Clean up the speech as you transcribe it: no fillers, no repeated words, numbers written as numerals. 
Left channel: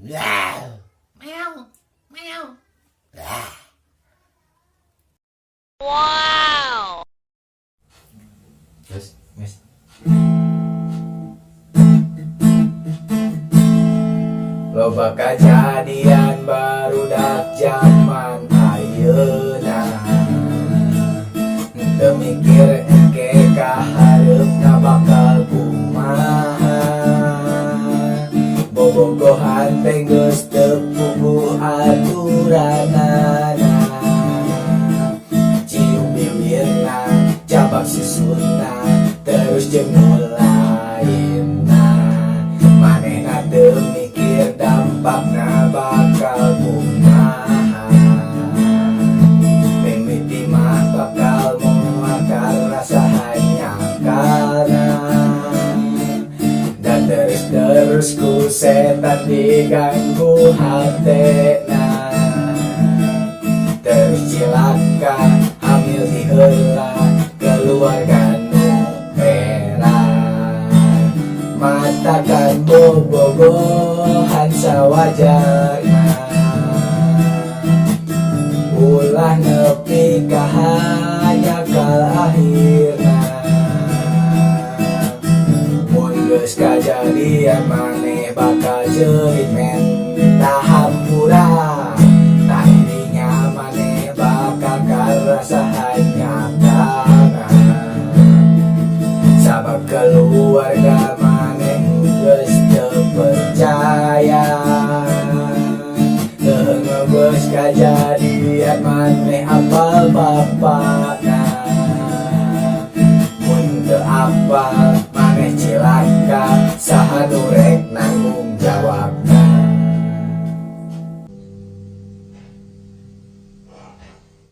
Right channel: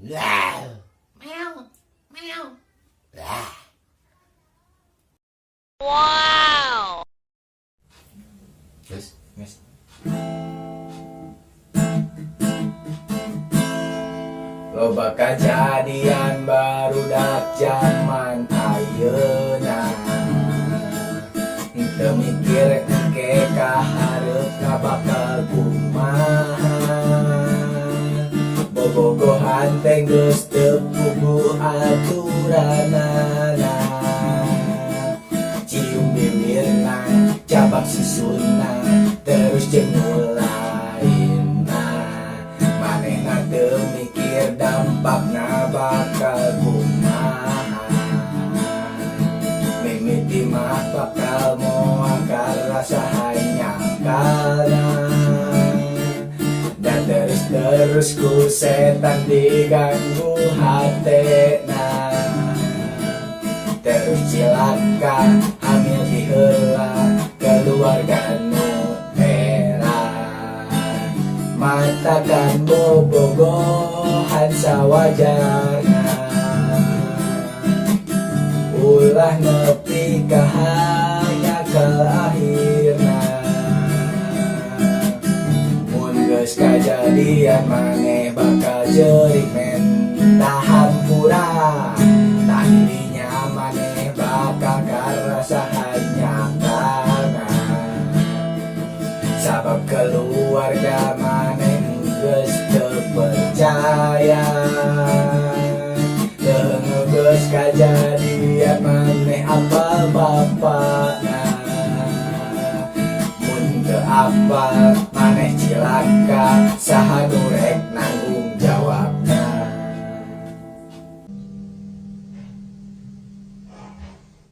Meow. Meow. Meow. Wow. Terus, Mas. Loba kajadian barudak zaman ayeuna, teu mikir engke ka hareupna bakal kumaha. Bobogohan teh geus teu puguh aturanana, cium bibirna, cabak susunna, terus jeung mulaina. Manehna teu mikir dampakna bakal kumaha. Mimiti mah bakal moal karasa hanyakalna, dan terus ku setan diganggu hatena. Terus cilaka hamil di heula keluarga nu era. Matakan bobogohan sawajarna, ulah nepi ka hanyakal akhirna. Mun geus kajadian maneh bakal jerimen tahampura, tadinya maneh bakal karasa hanyakana. Sabab keluarga maneh geus teu percaya,